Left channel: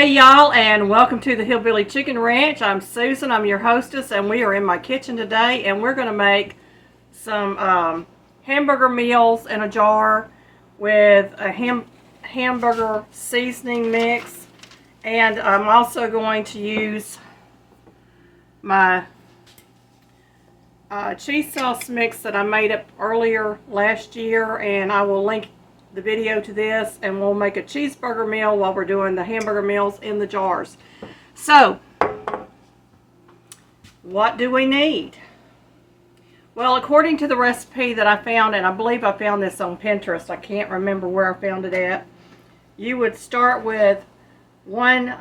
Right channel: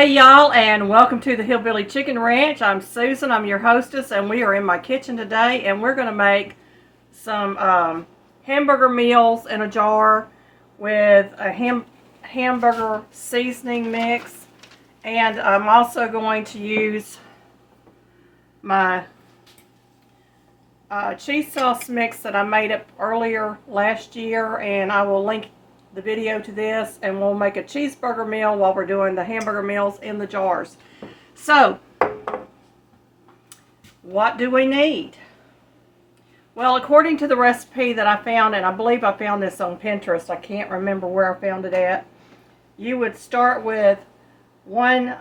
Hey y'all, and welcome to the Hillbilly Chicken Ranch. I'm Susan, I'm your hostess, and we are in my kitchen today, and we're going to make some hamburger meals in a jar with a hamburger seasoning mix. And I'm also going to use my cheese sauce mix that I made up earlier last year, and I will link the video to this, and we'll make a cheeseburger meal while we're doing the hamburger meals in the jars. So, what do we need? Well, according to the recipe that I found, and I believe I found this on Pinterest, I can't remember where I found it at, you would start with 1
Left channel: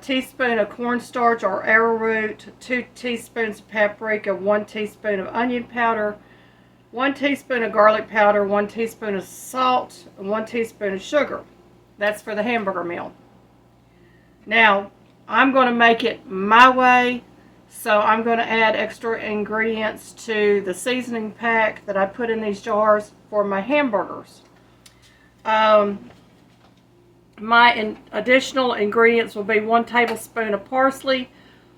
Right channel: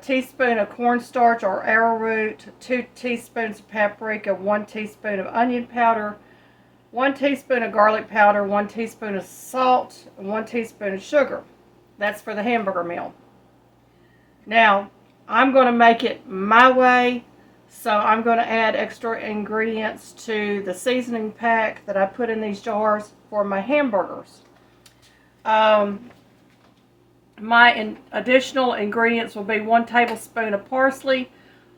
teaspoon of cornstarch or arrowroot, 2 teaspoons of paprika, 1 teaspoon of onion powder, 1 teaspoon of garlic powder, 1 teaspoon of salt, and 1 teaspoon of sugar. That's for the hamburger meal. Now, I'm going to make it my way, so I'm going to add extra ingredients to the seasoning pack that I put in these jars for my hamburgers. My additional ingredients will be 1 tablespoon of parsley,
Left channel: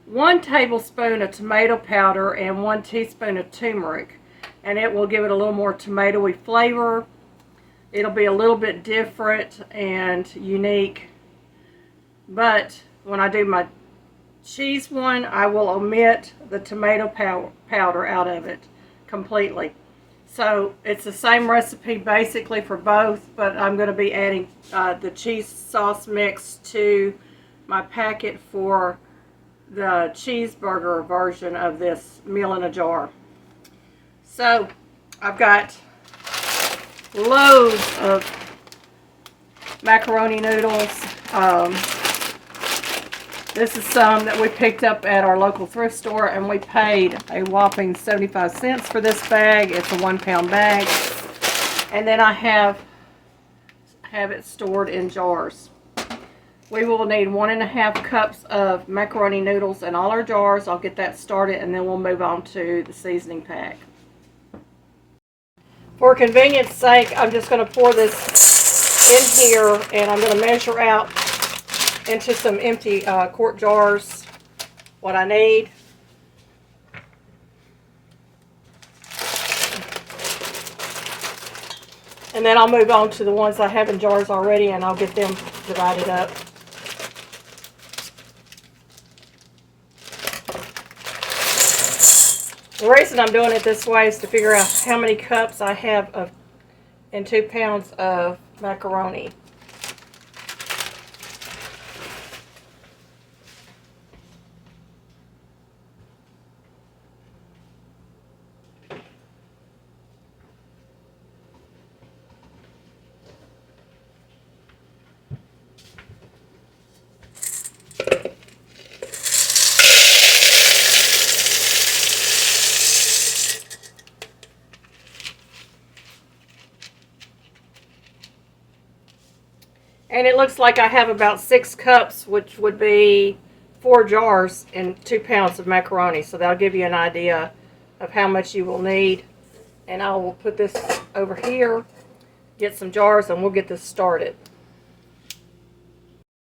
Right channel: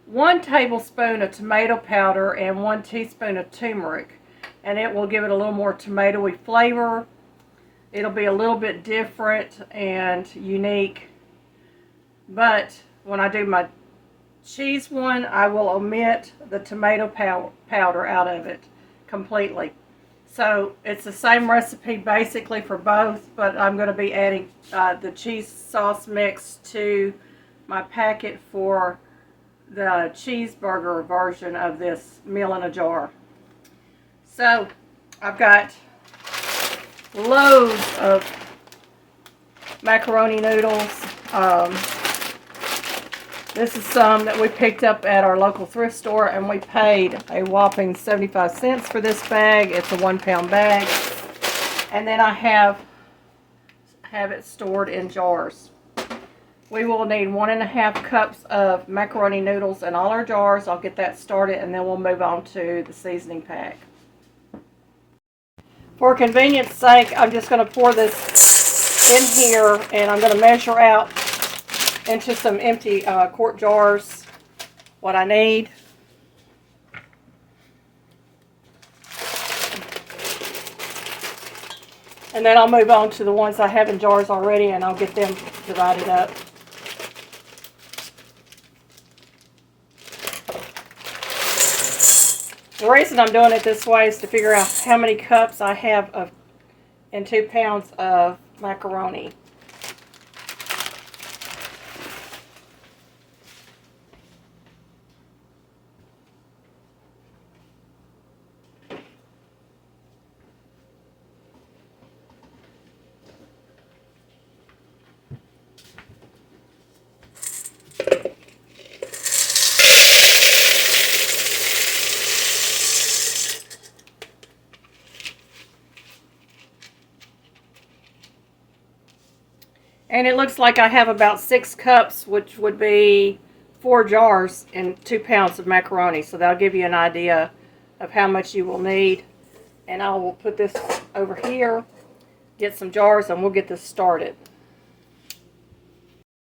1 tablespoon of tomato powder, and 1 teaspoon of tumeric. And it will give it a little more tomatoey flavor. It'll be a little bit different and unique. But when I do my cheese one, I will omit the tomato powder out of it completely. So it's the same recipe basically for both, but I'm going to be adding the cheese sauce mix to my packet for the cheeseburger version of this meal in a jar. So, I've got loads of macaroni noodles. This is some that we picked up at our local thrift store, and we paid a whopping 75 cents for this bag. It's a 1-pound bag. And then I have it stored in jars. We will need 1.5 cups of macaroni noodles in all our jars. I'll get that started, and then we'll move on to the seasoning pack. For convenience sake, I'm just going to pour this in here, and I'm going to measure out into some empty quart jars what I need. And then I'll move on to the ones I have in jars already, and I'll get them divided up. The reason I'm doing it this way is to figure out how many cups I have in 2 pounds of macaroni. And it looks like I have about 6 cups, which would be 4 jars and 2 pounds of macaroni. So that'll give you an idea of how much you will need. And I will put this over here, get some jars, and we'll get this started.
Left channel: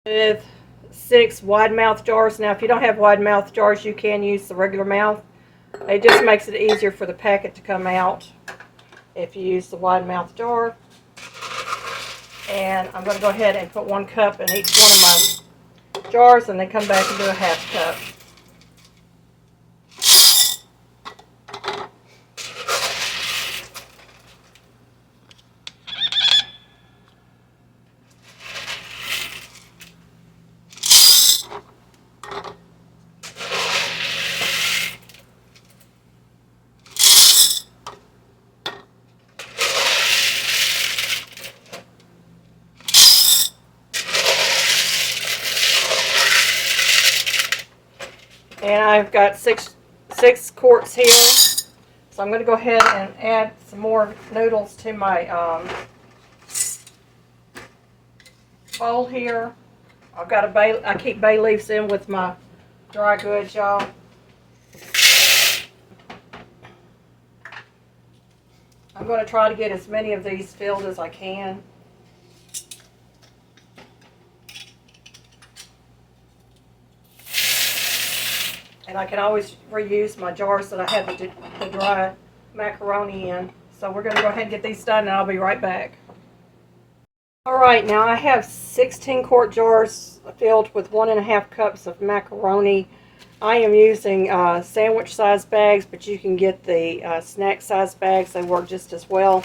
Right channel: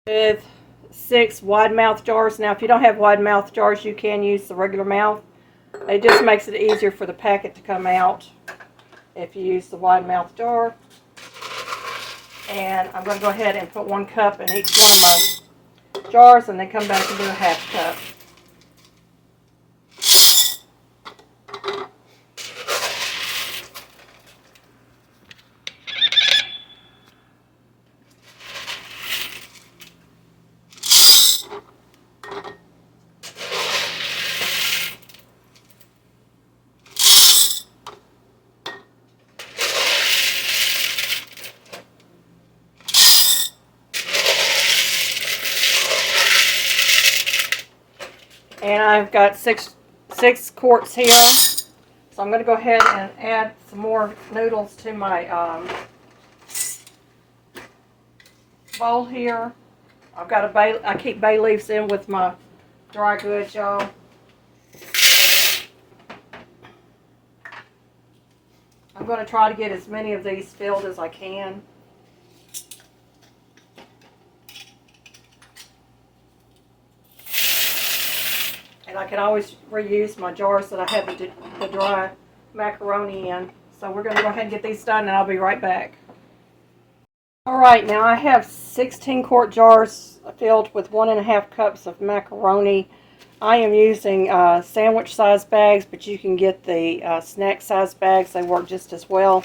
With 6 wide mouth jars. Now, if you don't have wide mouth jars, you can use the regular mouth. It just makes it easier for the packet to come out if you use the wide mouth jar. And I'm going to go ahead and put 1 cup in each one of my jars, and then come back and do a 1/2 cup. And I've got six quarts here. So I'm going to go ahead and add some more noodles to my bowl here. I've got I keep bay leaves in with my dry goods, y'all. I'm going to try to get as many of these filled as I can. And I can always reuse my jars that I have the dry macaroni in. So we're going to go ahead and get these done, and I'll be right back. Alright, now I have 16 quart jars filled with 1.5 cups of macaroni. I am using sandwich size bags, but you can get the snack size bags. They work just as well.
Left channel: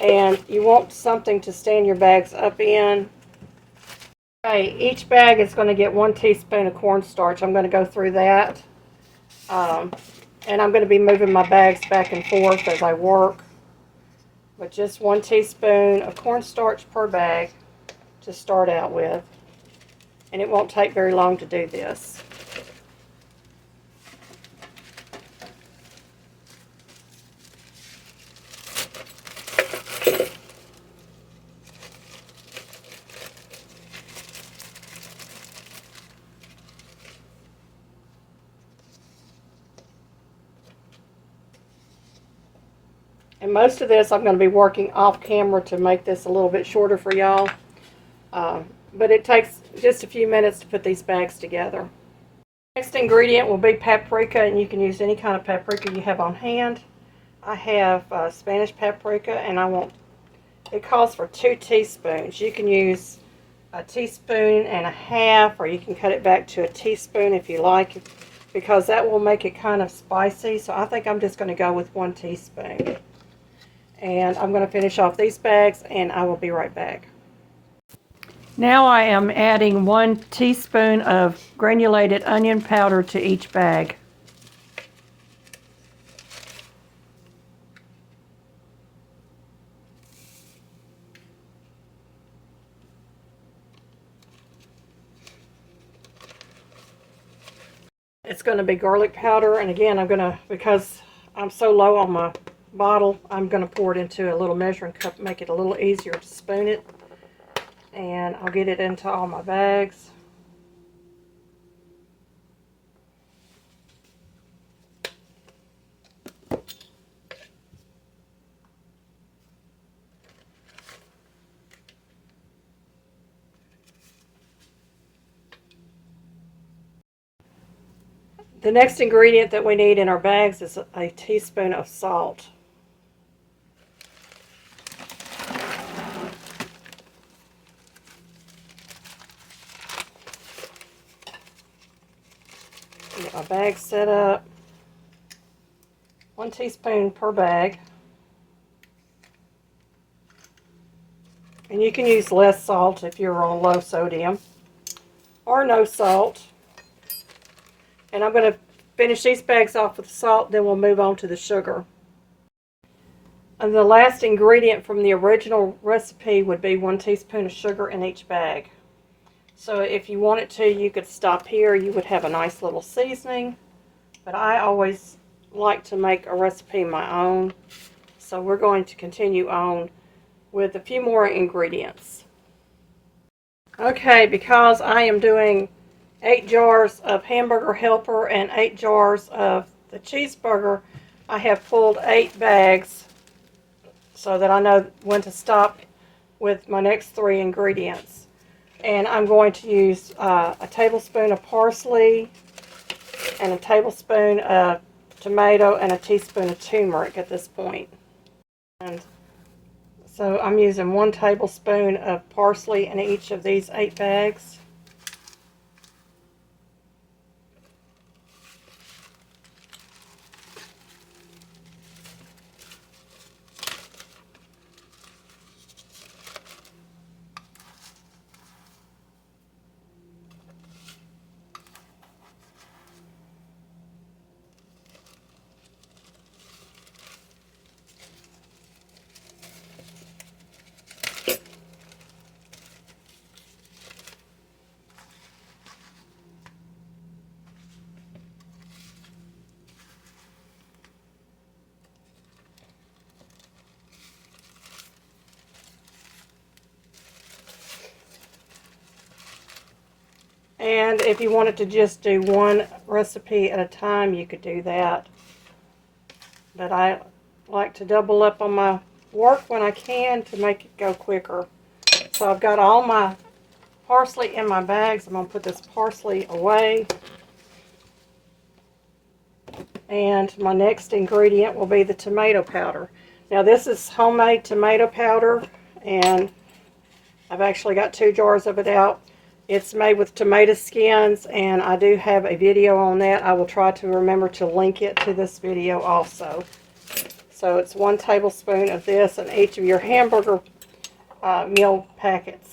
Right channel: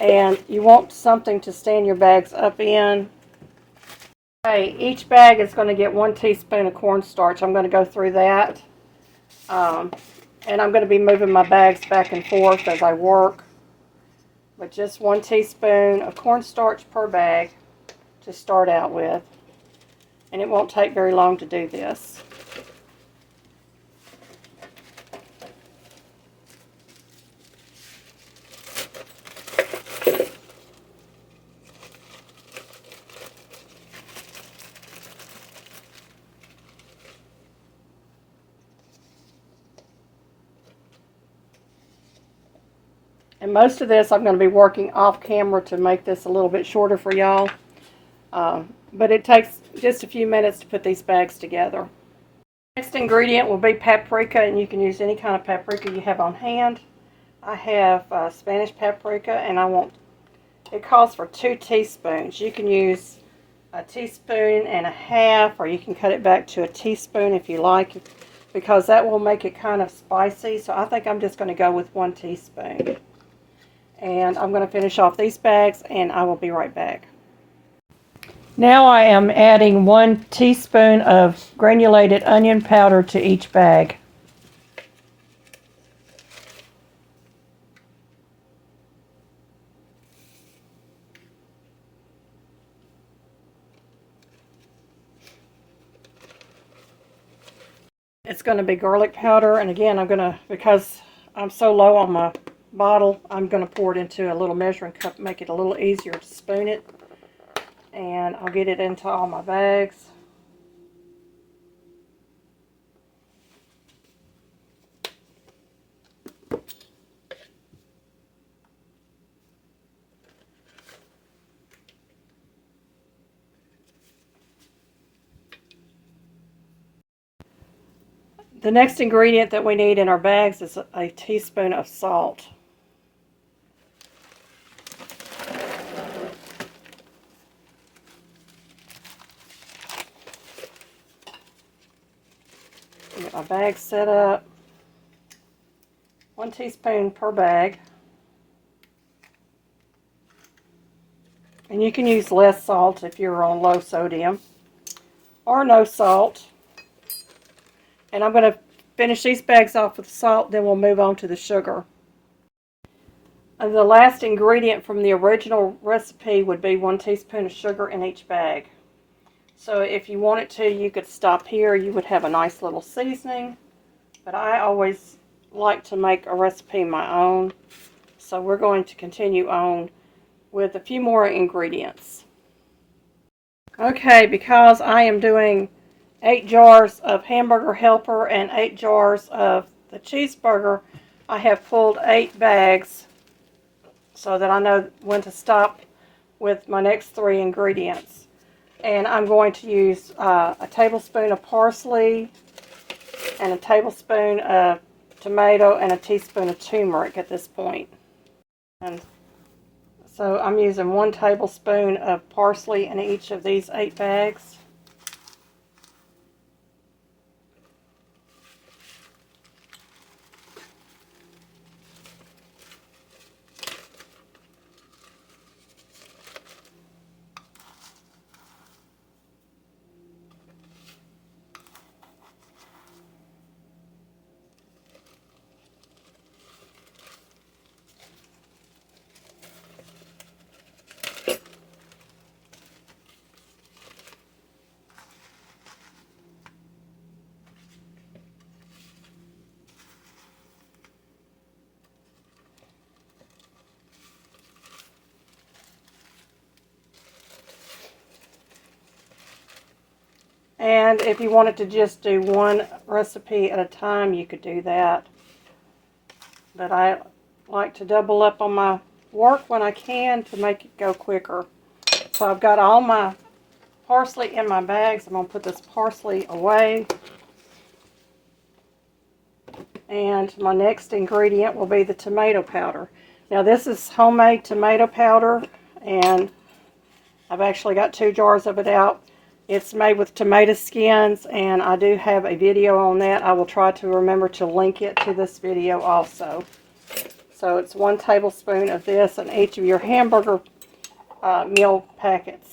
And you want something to stand your bags up in. Okay, each bag is going to get 1 teaspoon of cornstarch. I'm going to go through that. And I'm going to be moving my bags back and forth as I work. But just 1 teaspoon of cornstarch per bag to start out with. And it won't take very long to do this. And most of this I'm going to be working off camera to make this a little bit shorter for y'all. But it takes just a few minutes to put these bags together. Next ingredient will be paprika, and you can use any kind of paprika you have on hand. I have Spanish paprika, and it calls for 2 teaspoons. You can use 1.5 teaspoons, or you can cut it back to 1 teaspoon if you like, because that will make it kind of spicy. So I think I'm just going to go with 1 teaspoon. And I'm going to finish off these bags, and I will be right back. Now I am adding 1 teaspoon of granulated onion powder to each bag. It's going to be garlic powder, and again, because I'm so low on my bottle, I'm going to pour it into a little measuring cup, make it a little easier to spoon it. And I'll get it into all my bags. The next ingredient that we need in our bags is a teaspoon of salt. Get my bag set up. 1 teaspoon per bag. And you can use less salt if you're on low sodium, or no salt. And I'm going to finish these bags off with salt, then we'll move on to the sugar. And the last ingredient from the original recipe would be 1 teaspoon of sugar in each bag. So if you wanted to, you could stop here. You would have a nice little seasoning. But I always like to make a recipe my own. So we're going to continue on with a few more ingredients. Okay, because I am doing 8 jars of Hamburger Helper and 8 jars of the Cheeseburger, I have pulled 8 bags so that I know when to stop with my next 3 ingredients. And I'm going to use a tablespoon of parsley and a tablespoon of tomato and a teaspoon of turmeric at this point. And so I'm using 1 tablespoon of parsley in each of these 8 bags. And if you wanted to just do 1 recipe at a time, you could do that. But I like to double up on my work when I can to make it go quicker. So I've got all my parsley in my bags. I'm going to put this parsley away. And my next ingredient will be the tomato powder. Now this is homemade tomato powder, and I've actually got 2 jars of it out. It's made with tomato skins, and I do have a video on that. I will try to remember to link it to this video also. So it's 1 tablespoon of this in each of your hamburger meal packets.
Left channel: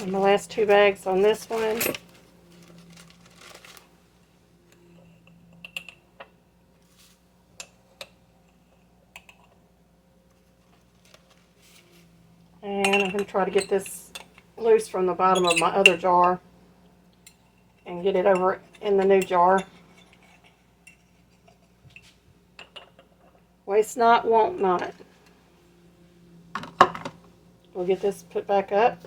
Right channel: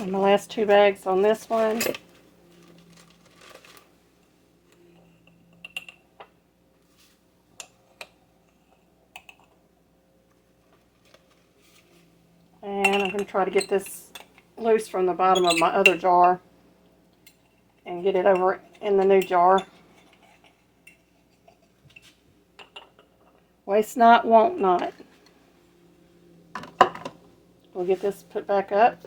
And my last 2 bags on this one. And I'm going to try to get this loose from the bottom of my other jar and get it over in the new jar. Waste not, want not. We'll get this put back up.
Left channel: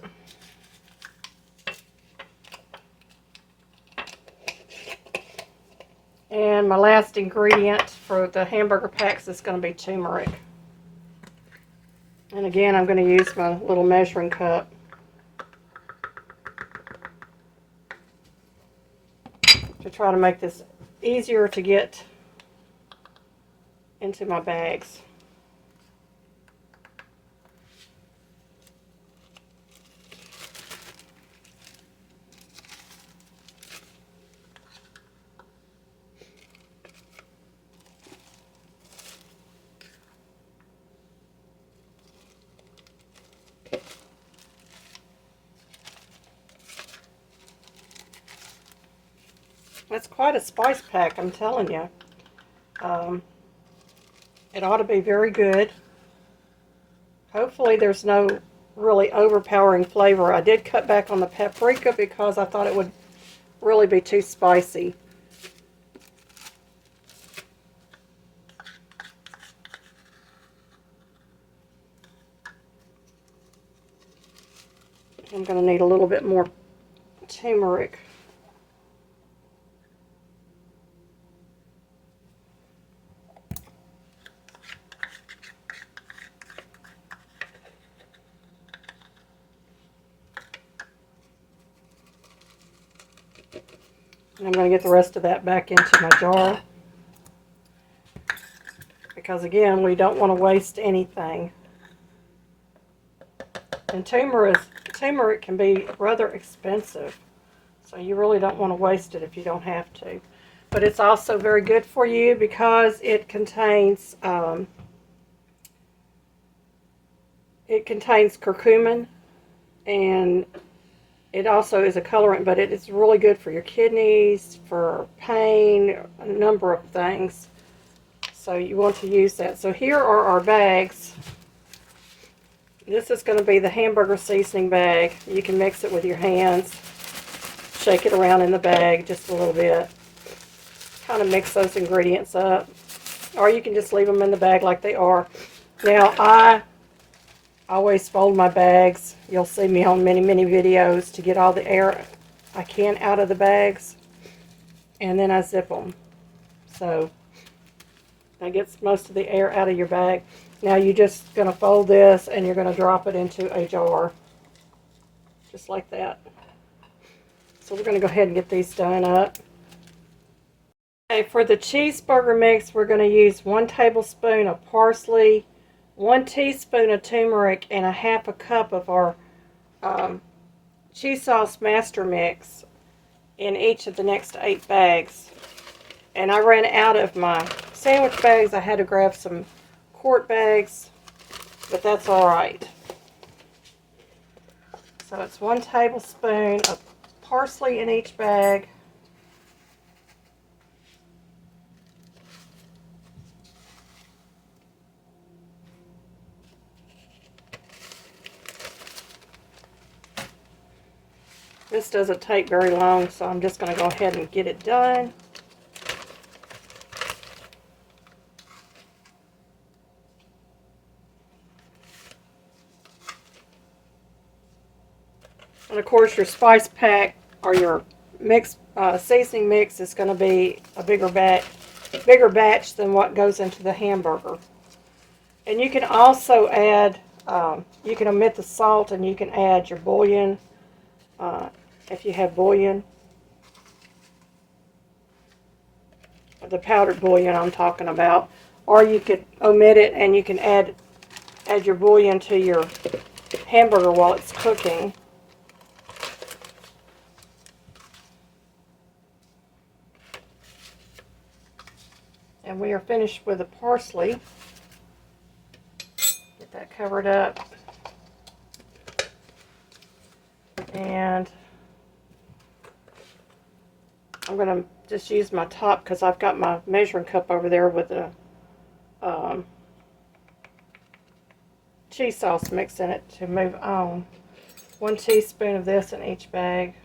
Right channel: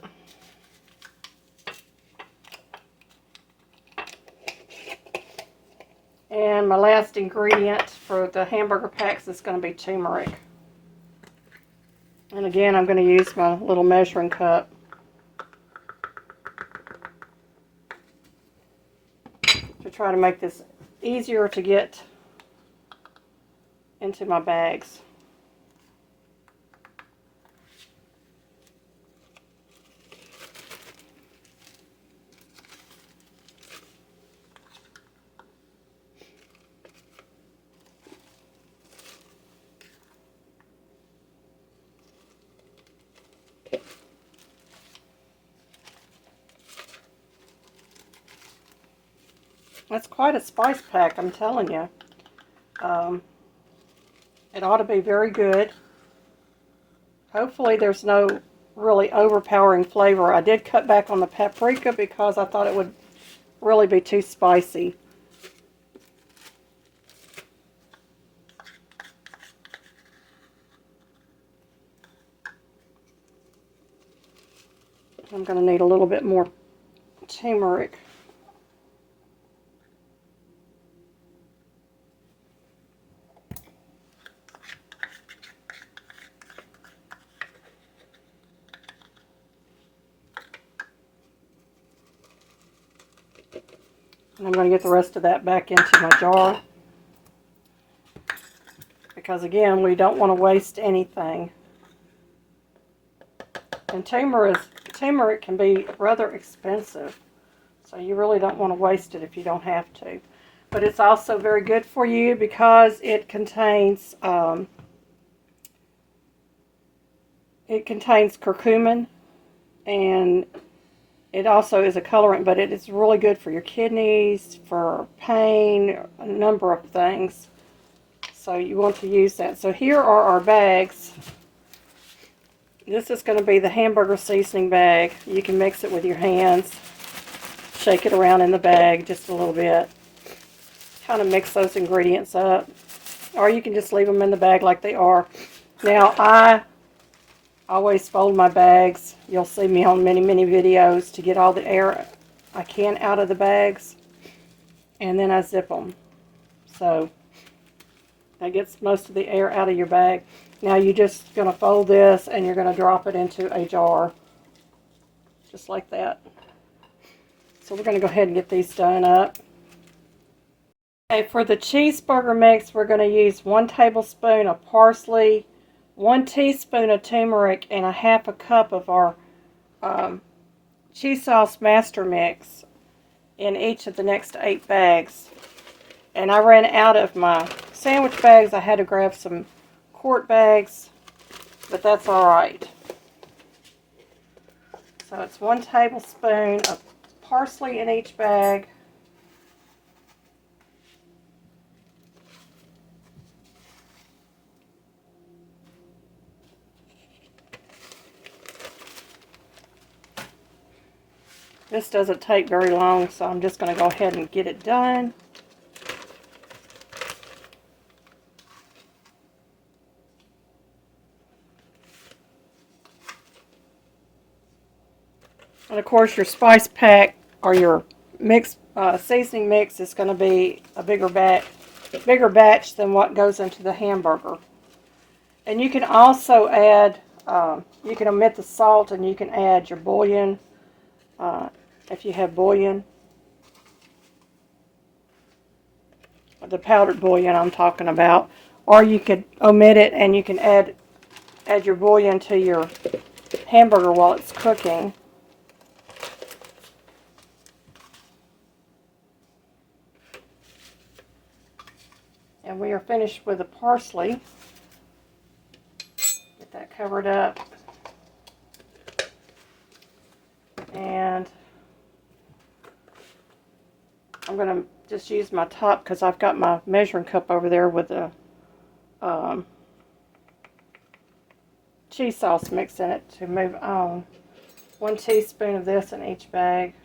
And my last ingredient for the hamburger packs is going to be turmeric. And again, I'm going to use my little measuring cup to try to make this easier to get into my bags. That's quite a spice pack, I'm telling you. It ought to be very good. Hopefully there's no really overpowering flavor. I did cut back on the paprika because I thought it would really be too spicy. I'm going to need a little bit more turmeric. And I'm going to get the rest of that back into my jar. Because again, we don't want to waste anything. And turmeric can be rather expensive. So you really don't want to waste it if you don't have to. But it's also very good for you because it contains curcumin, and it also is a colorant, but it is really good for your kidneys, for pain, a number of things. So you want to use that. So here are our bags. This is going to be the hamburger seasoning bag. You can mix it with your hands. Shake it around in the bag just a little bit. Kind of mix those ingredients up. Or you can just leave them in the bag like they are. Now, I always fold my bags. You'll see me on many, many videos to get all the air I can out of the bags. And then I zip them. So that gets most of the air out of your bag. Now you're just going to fold this and you're going to drop it into a jar. Just like that. So we're going to go ahead and get these done up. Okay, for the cheeseburger mix, we're going to use 1 tablespoon of parsley, 1 teaspoon of turmeric, and a 1/2 cup of our cheese sauce master mix in each of the next 8 bags. And I ran out of my sandwich bags. I had to grab some quart bags, but that's alright. So it's 1 tablespoon of parsley in each bag. This doesn't take very long, so I'm just going to go ahead and get it done. And of course your spice pack or your mix seasoning mix is going to be a bigger batch than what goes into the hamburger. And you can also add, you can omit the salt and you can add your bouillon if you have bouillon. The powdered bouillon I'm talking about. Or you could omit it and you can add your bouillon to your hamburger while it's cooking. And we are finished with the parsley. Get that covered up. And I'm going to just use my top because I've got my measuring cup over there with the cheese sauce mix in it to move on. 1 teaspoon of this in each bag.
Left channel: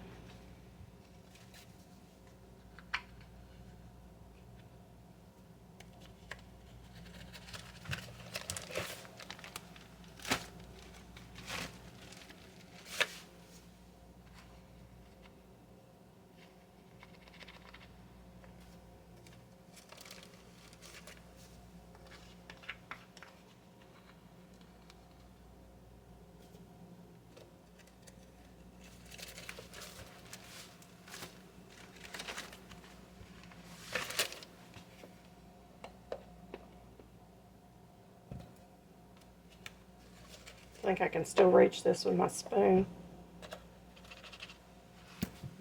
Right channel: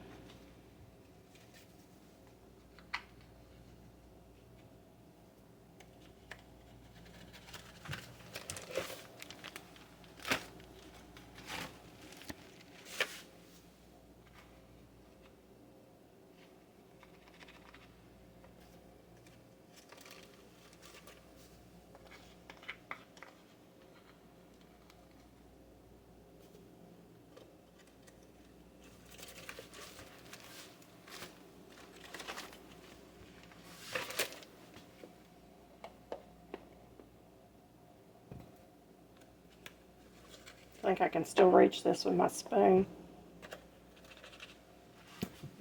I think I can still reach this with my spoon.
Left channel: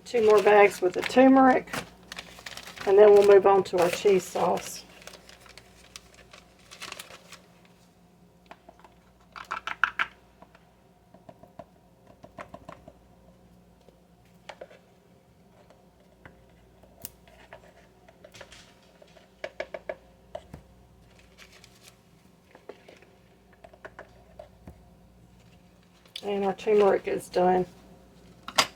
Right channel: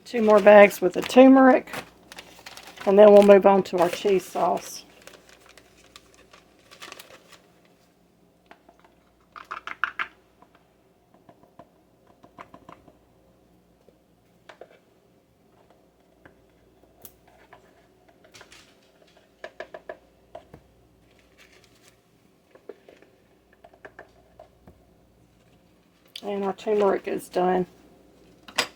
2 more bags with the turmeric, and then we'll move on to our cheese sauce. And our turmeric is done. Get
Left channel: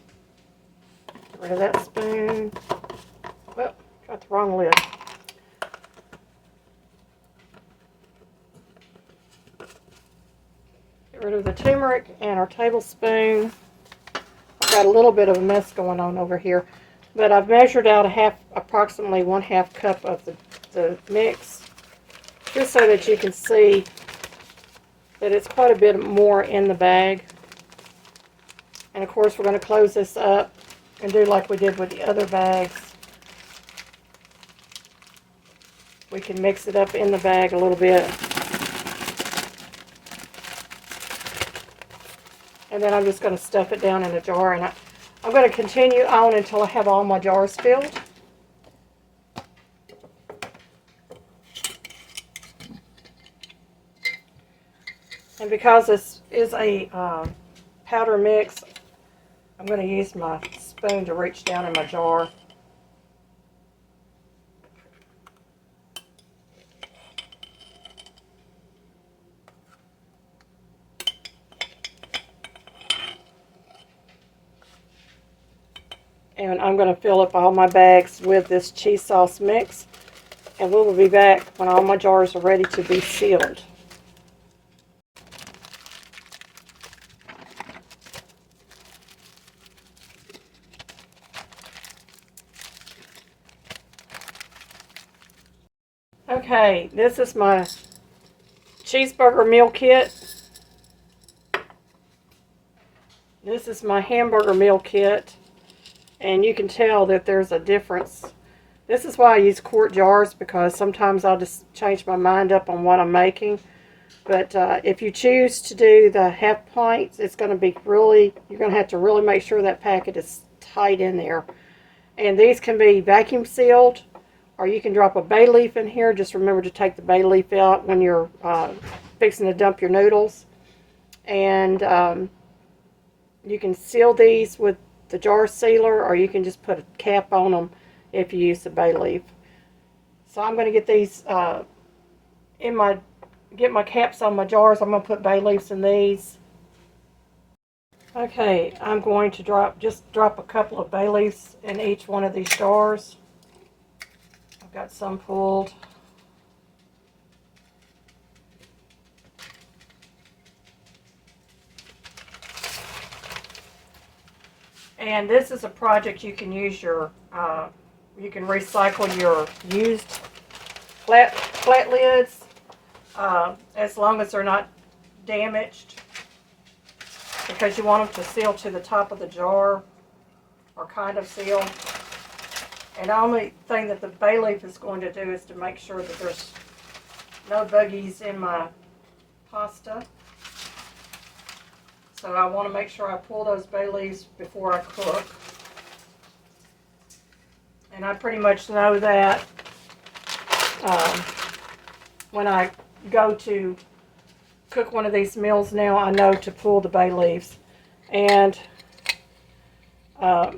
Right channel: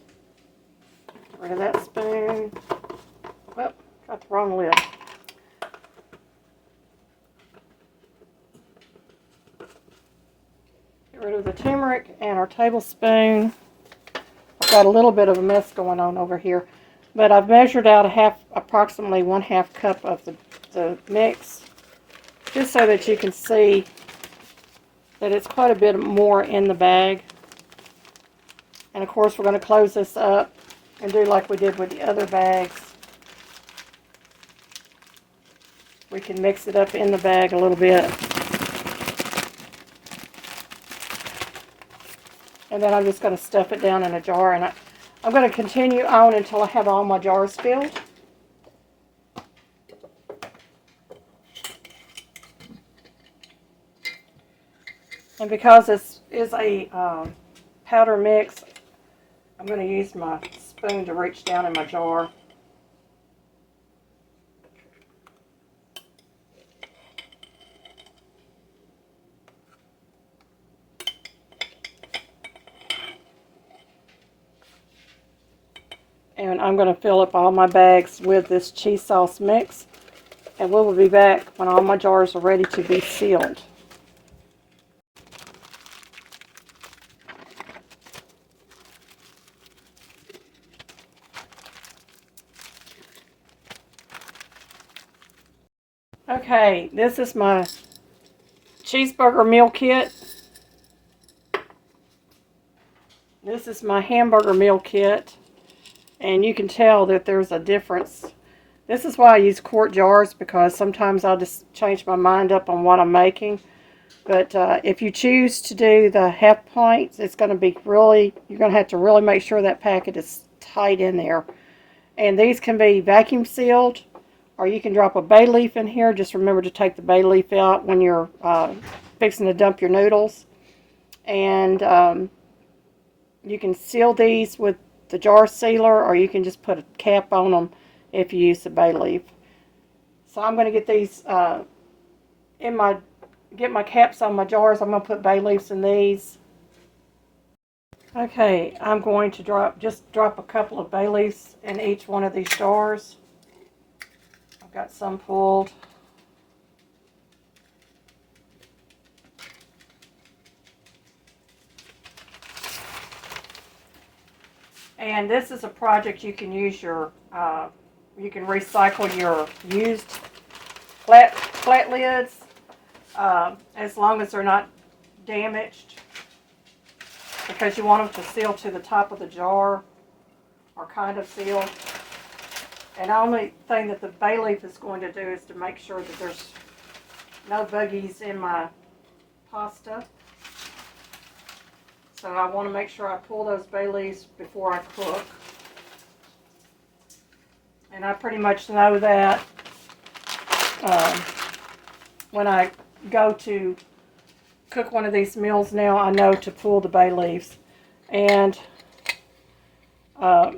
rid of that spoon. Well, got the wrong lid. Get rid of the turmeric and our tablespoon. I've got a little bit of a mess going on over here, but I've measured out approximately 1/2 cup of the mix, just so that you can see that it's quite a bit more in the bag. And of course we're going to close this up and do like we did with the other bags. We can mix it up in the bag a little bit. And then I'm just going to stuff it down in a jar, and I'm going to continue on until I have all my jars filled. And because this is a powder mix, I'm going to use my spoon to reach down in my jar. And I'm going to fill up all my bags with this cheese sauce mix, and we will be back when all my jars are ready to be sealed. Okay, this is my cheeseburger meal kit. This is my hamburger meal kit, and you can tell that there's a difference. This is why I use quart jars, because sometimes I'll just change my mind up on what I'm making. But if you choose to do the half pints, it's going to be really, you're going to have to really make sure that packet is tight in there. And these can be vacuum sealed, or you can drop a bay leaf in here. Just remember to take the bay leaf out when you're fixing to dump your noodles. And you can seal these with the jar sealer, or you can just put a cap on them if you use the bay leaf. So I'm going to get these get my caps on my jars. I'm going to put bay leaves in these. Okay, I'm going to drop a couple of bay leaves in each one of these jars. I've got some pulled. And this is a project you can use your, you can recycle your used flat lids as long as they're not damaged, because you want them to seal to the top of the jar, or kind of seal. And the only thing that the bay leaf is going to do is to make sure that there's no buggies in my pasta. So I want to make sure I pull those bay leaves before I cook. And I pretty much know that when I go to cook one of these meals now, I know to pull the bay leaves. And I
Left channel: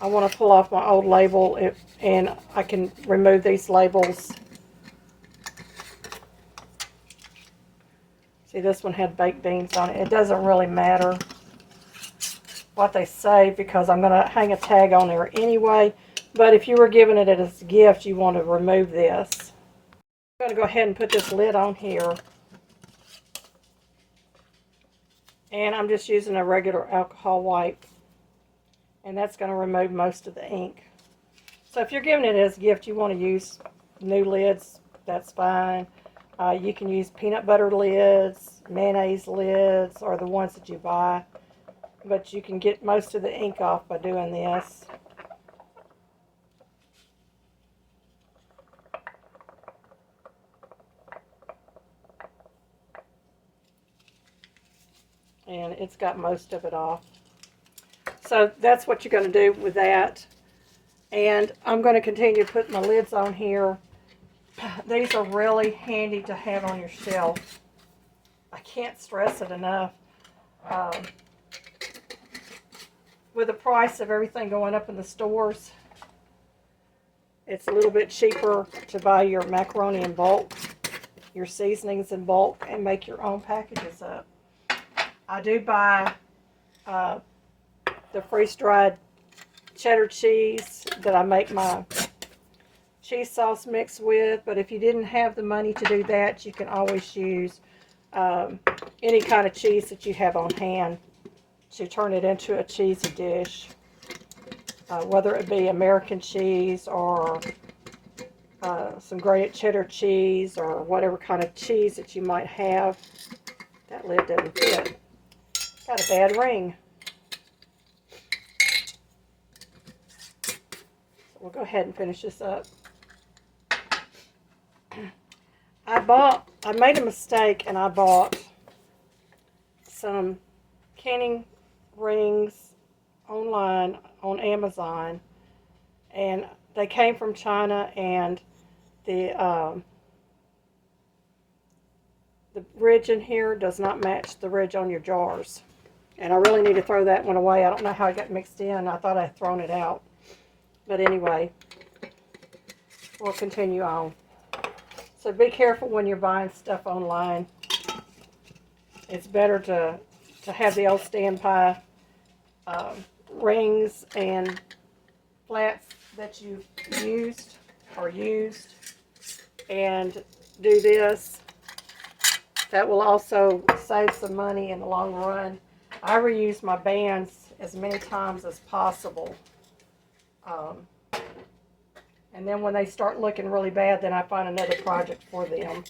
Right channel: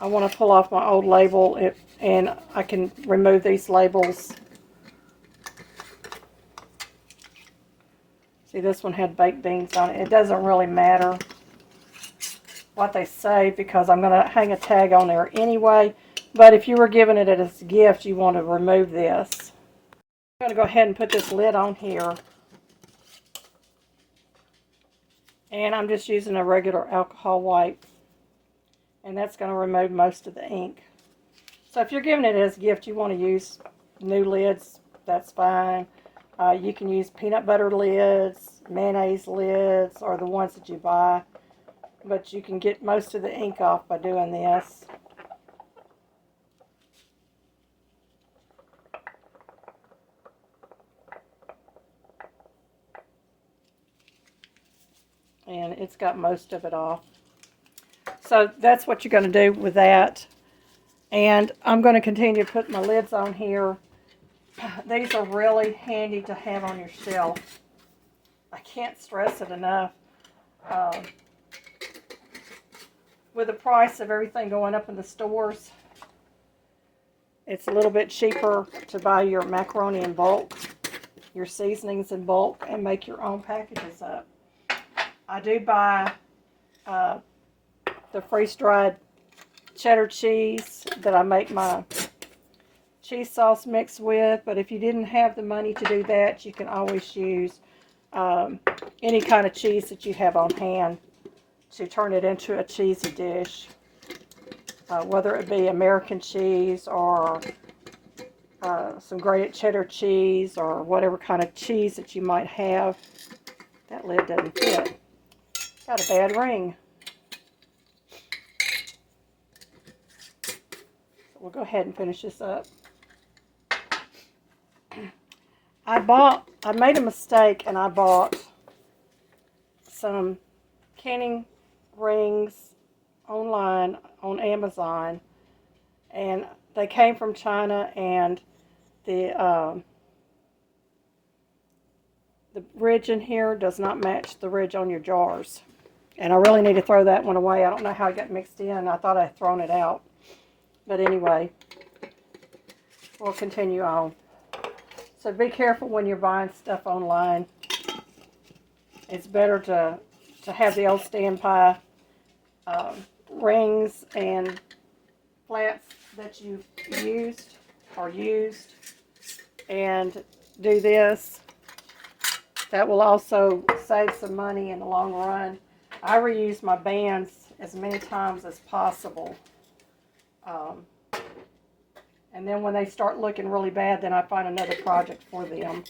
want to pull off my old label, and I can remove these labels. See, this one had baked beans on it. It doesn't really matter what they say, because I'm going to hang a tag on there anyway. But if you were giving it as a gift, you want to remove this. I'm going to go ahead and put this lid on here. And I'm just using a regular alcohol wipe. And that's going to remove most of the ink. So if you're giving it as a gift, you want to use new lids, that's fine. You can use peanut butter lids, mayonnaise lids, or the ones that you buy. But you can get most of the ink off by doing this. And it's got most of it off. So that's what you're going to do with that. And I'm going to continue to put my lids on here. These are really handy to have on your shelf. I can't stress it enough. With the price of everything going up in the stores, it's a little bit cheaper to buy your macaroni in bulk, your seasonings in bulk, and make your own packages up. I do buy the freeze-dried cheddar cheese that I make my cheese sauce mix with, but if you didn't have the money to do that, you can always use any kind of cheese that you have on hand to turn it into a cheesy dish, whether it be American cheese or some grated cheddar cheese, or whatever kind of cheese that you might have. That lid doesn't fit. Got a bad ring. We'll go ahead and finish this up. I made a mistake, and I bought some canning rings online on Amazon, and they came from China, and the ridge in here does not match the ridge on your jars, and I really need to throw that one away. I don't know how it got mixed in. I thought I'd thrown it out. But anyway, we'll continue on. So be careful when you're buying stuff online. It's better to have the old standby rings and flats that you've used and do this. That will also save some money in the long run. I reuse my bands as many times as possible. And then when they start looking really bad, then I find another project for them.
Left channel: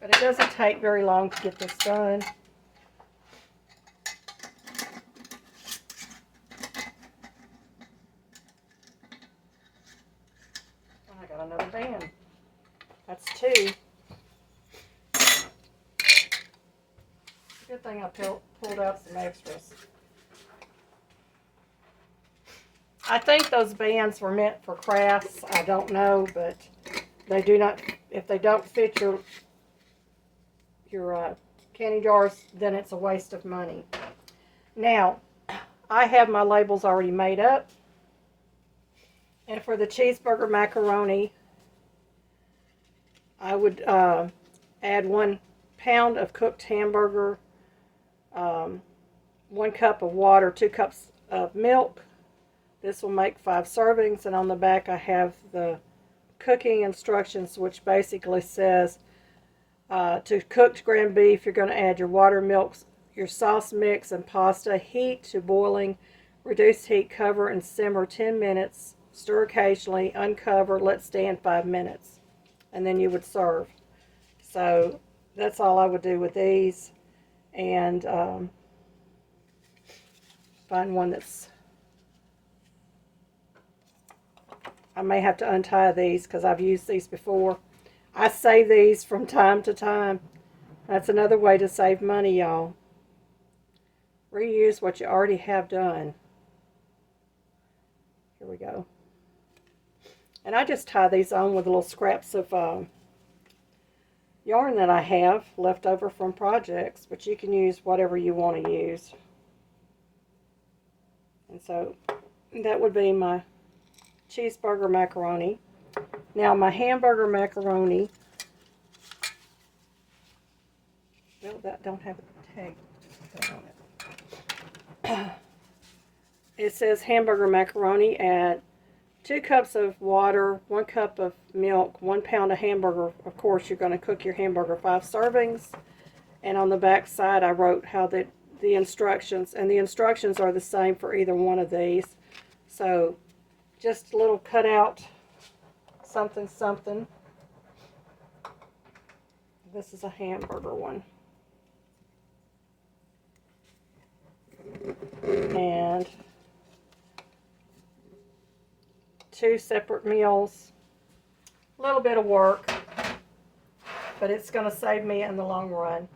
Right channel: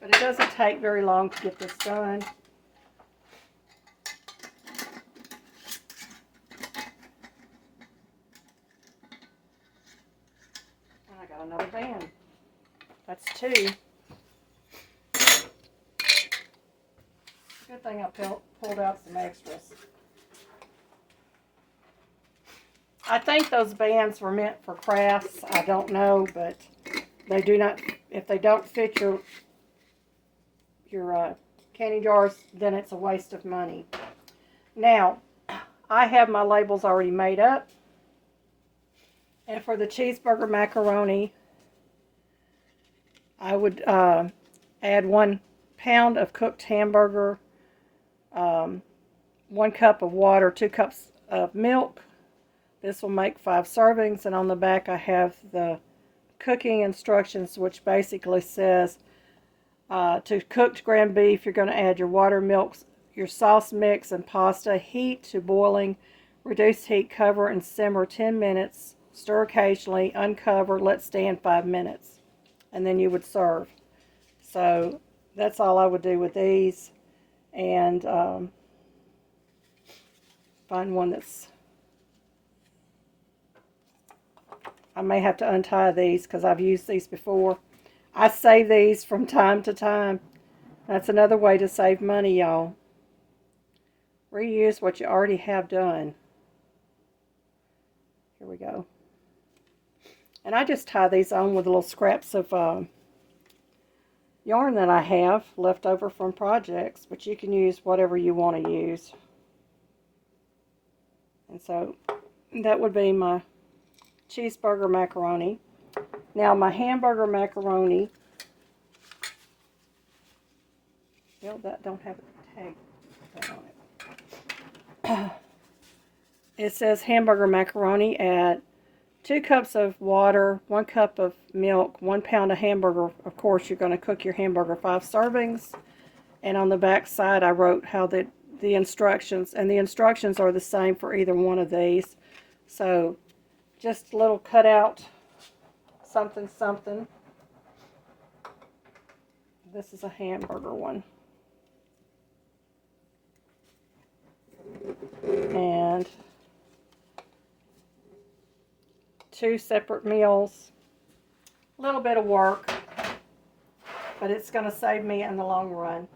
But it doesn't take very long to get this done. I got another band. That's two. good thing I pulled out some extras. I think those bands were meant for crafts. I don't know, but they do not. If they don't fit your candy jars, then it's a waste of money. Now, I have my labels already made up. And for the cheeseburger macaroni, I would add 1 pound of cooked hamburger, 1 cup of water, 2 cups of milk. This will make 5 servings, and on the back I have the cooking instructions, which basically says to cooked ground beef, you're going to add your water, milk, your sauce mix, and pasta. Heat to boiling. Reduce heat, cover, and simmer 10 minutes. Stir occasionally, uncover, let stand 5 minutes. And then you would serve. So that's all I would do with these. And find one that's... I may have to untie these because I've used these before. I save these from time to time. That's another way to save money, y'all. Reuse what you already have done. Here we go. And I just tie these on with little scraps of yarn that I have left over from projects, but you can use whatever you want to use. And so that would be my cheeseburger macaroni. Now my hamburger macaroni, well, that don't have a tag on it. It says hamburger macaroni, add 2 cups of water, 1 cup of milk, 1 pound of hamburger. Of course, you're going to cook your hamburger 5 servings. And on the back side, I wrote how the instructions, and the instructions are the same for either one of these. So just a little cutout, something, something. This is a hamburger one. And 2 separate meals. A little bit of work, but it's going to save me in the long run.